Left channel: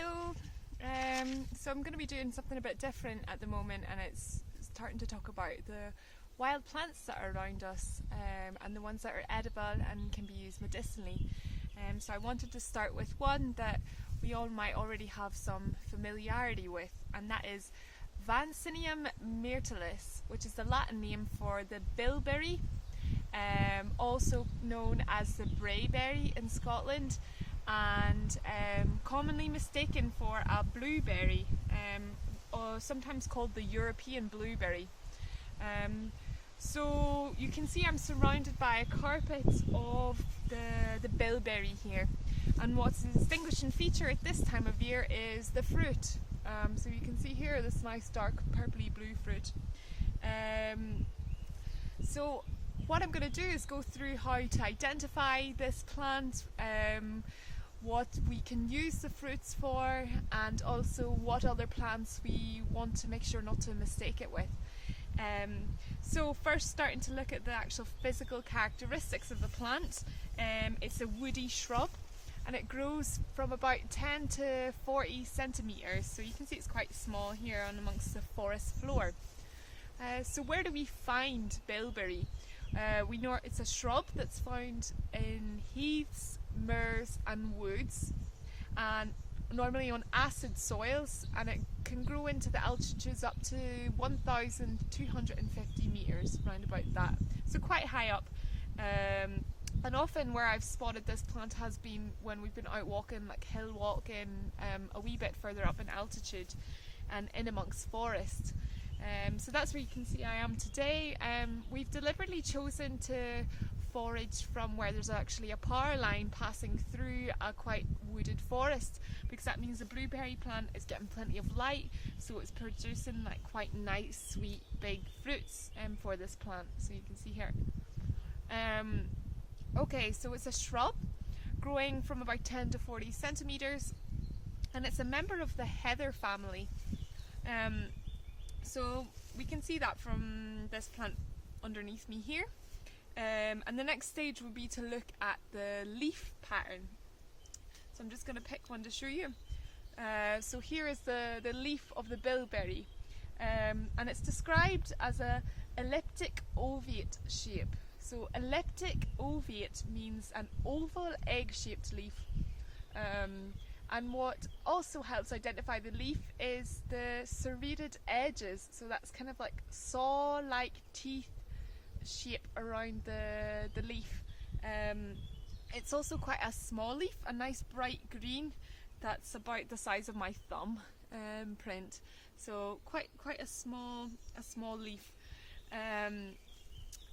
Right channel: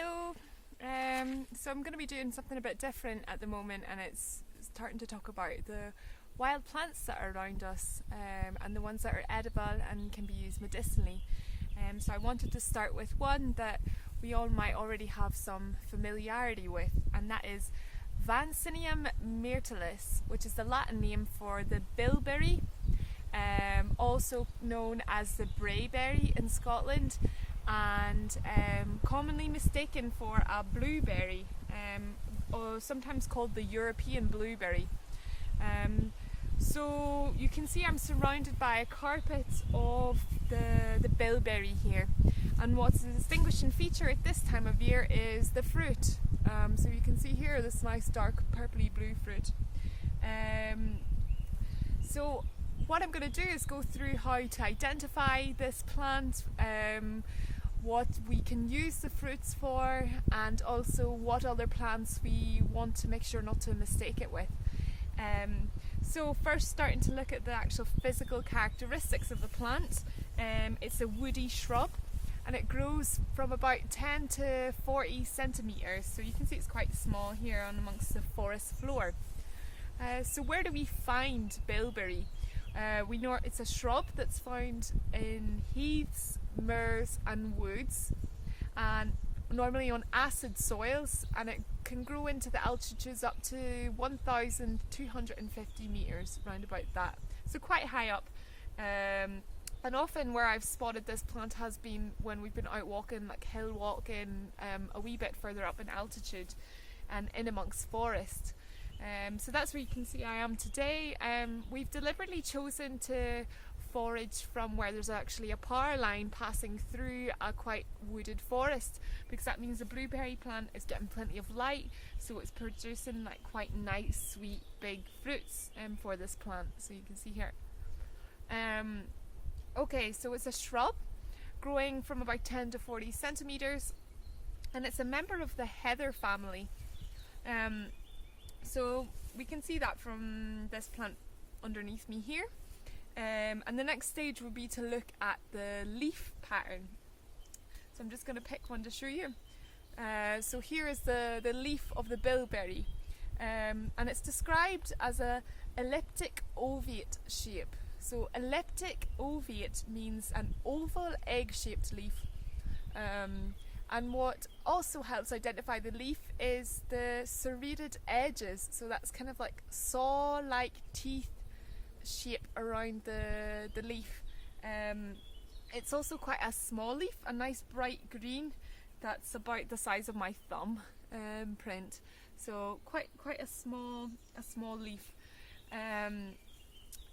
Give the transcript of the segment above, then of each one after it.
Hello! So I'm going to be doing something a bit different at the moment, and it's starting to talk about the wild plants that are around us and the ones that are edible and can be used medicinally. So I wanted to start with one that we all might already have some familiarity with, and that is Vaccinium Myrtillus, which is the Latin name for the bilberry, also known as the brayberry in Scotland, and commonly mistaken for a blueberry, or sometimes called the European blueberry. So you can see I'm surrounded by a carpet of the bilberry here, and what's a distinguishing feature at this time of year is the fruit. So you can see here this nice dark purpley blue fruit. So what I'm going to do is go through how to identify this plant, what we can use the fruits for, and also what other plants we want to make sure not to mistake it with. So first, starting to look at the actual physical characteristics of the plant. It's a woody shrub, and it grows from about 10 to 40 centimetres, so you can see it's quite small here on amongst the forest floor. So where do we find bilberry? We know it's a shrub that's found in heaths, moors and woods, and normally on acid soils, and it can grow into the altitudes up to 1,250 metres, round about that, so quite high up. And often where I've spotted this plant has been when we've been out walking, like hill walking, a wee bit further up in altitude and in amongst forest. So that's where you can see I am today. We've deliberately chosen to forage from where there's actually a power line passing through a quite wooded forest, because that means the blueberry plant is getting plenty of light, so it's producing like quite nice, sweet, big fruits for this plant. So you can see here. Okay, so it's a shrub growing from about 10 to 40 centimetres, and it's a member of the heather family. So we can see that from this plant underneath me here. And the next stage would be to look at the leaf pattern. So I'm just going to pick one to show you. So here is the leaf of the bilberry, and it's described as a elliptic ovate shape. So elliptic ovate means an oval egg-shaped leaf. And what also helps identify the leaf is the serrated edges, so that's kind of like saw-like teeth shape around the leaf. It's also quite a small leaf, a nice bright green that's about the size of my thumb print, so quite a small leaf.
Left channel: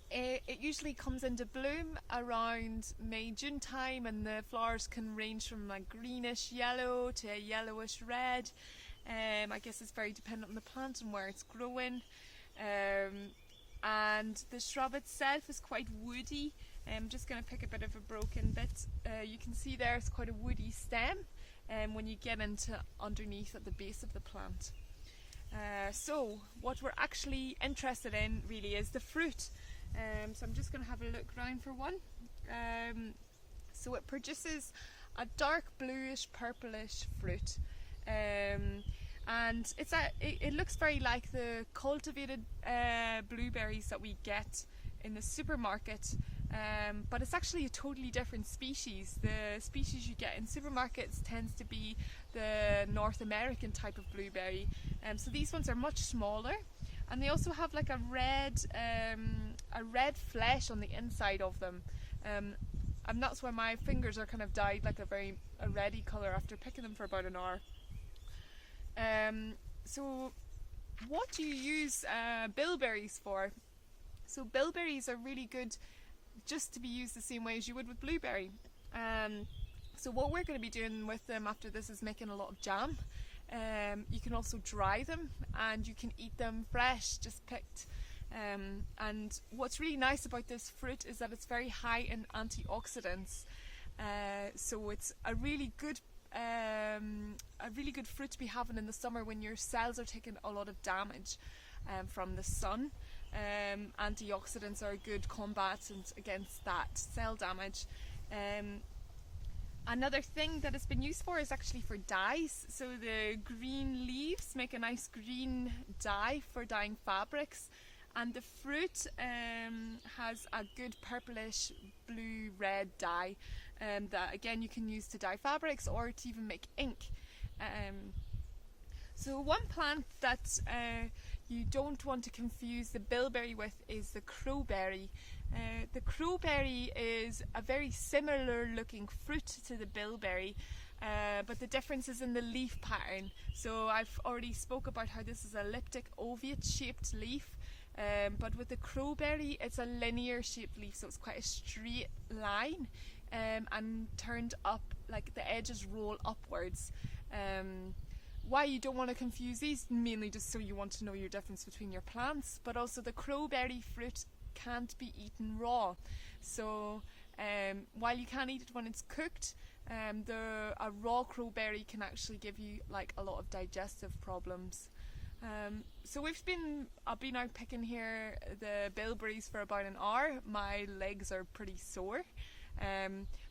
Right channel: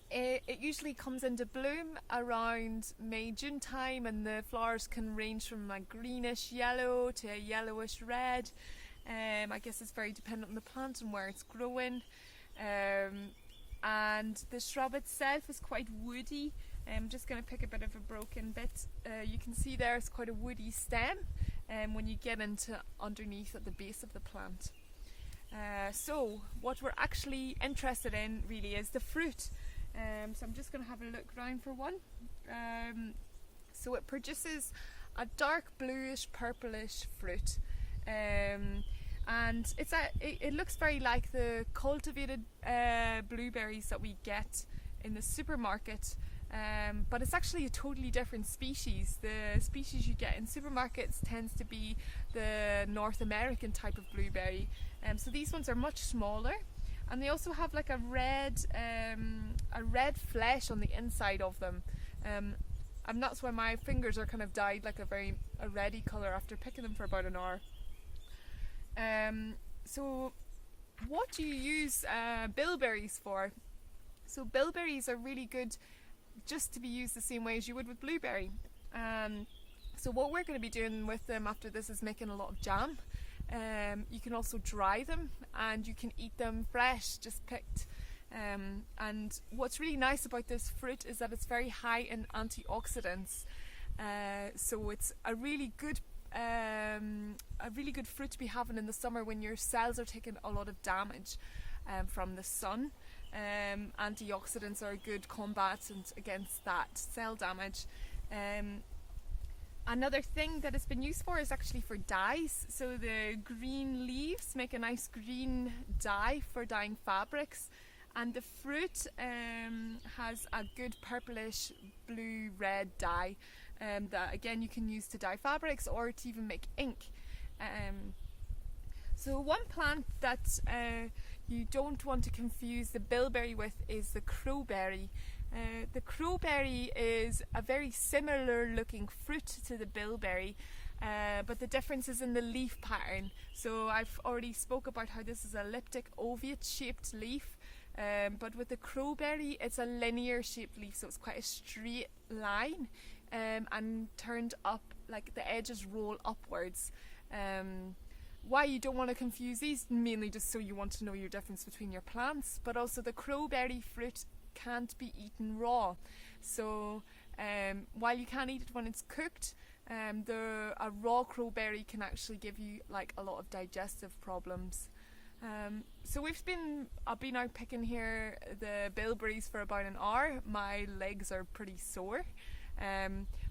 It usually comes into bloom around May-June time, and the flowers can range from a greenish yellow to a yellowish red. I guess it's very dependent on the plant and where it's growing. And the shrub itself is quite woody. I'm just going to pick a bit of a broken bit. You can see there it's quite a woody stem when you get into underneath at the base of the plant. So what we're actually interested in really is the fruit. So I'm just going to have a look around for one. So it produces a dark bluish purplish fruit, and it looks very like the cultivated blueberries that we get in the supermarket, but it's actually a totally different species. The species you get in supermarkets tends to be the North American type of blueberry, so these ones are much smaller. And they also have like a red flesh on the inside of them, and that's why my fingers are kind of dyed like a reddy colour after picking them for about an hour. So what do you use bilberries for? So bilberries are really good just to be used the same way as you would with blueberry. So what we're going to be doing with them after this is making a lot of jam. You can also dry them, and you can eat them fresh, just picked. And what's really nice about this fruit is that it's very high in antioxidants. So it's a really good fruit to be having in the summer when your cells are taking a lot of damage from the sun. Antioxidants are a good combatant against that cell damage. Another thing that it's been used for is actually for dyes. So the green leaves make a nice green dye for dyeing fabrics, and the fruit has a good purplish blue red dye that again you can use to dye fabrics or to even make ink. So one plant that you don't want to confuse the bilberry with is the crowberry. The crowberry is a very similar looking fruit to the bilberry, but the difference is in the leaf pattern. So I've already spoke about how this is a elliptic ovate shaped leaf, but with the crowberry it's a linear shaped leaf, so it's quite a straight line and turned up, like the edges roll upwards. Why you don't want to confuse these, mainly just so you want to know your difference between your plants, but also the crowberry fruit can't be eaten raw. So while you can eat it when it's cooked, a raw crowberry can actually give you like a lot of digestive problems. So I've been out picking here the bilberries for about an hour. My legs are pretty sore.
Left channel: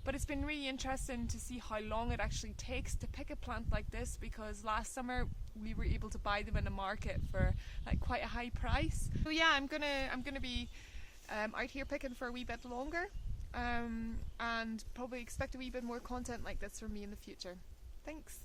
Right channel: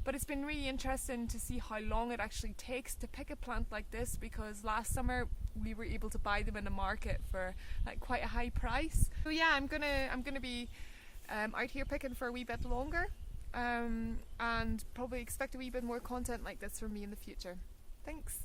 But it's been really interesting to see how long it actually takes to pick a plant like this, because last summer we were able to buy them in the market for like quite a high price. So yeah, I'm gonna be out here picking for a wee bit longer, and probably expect a wee bit more content like this from me in the future. Thanks.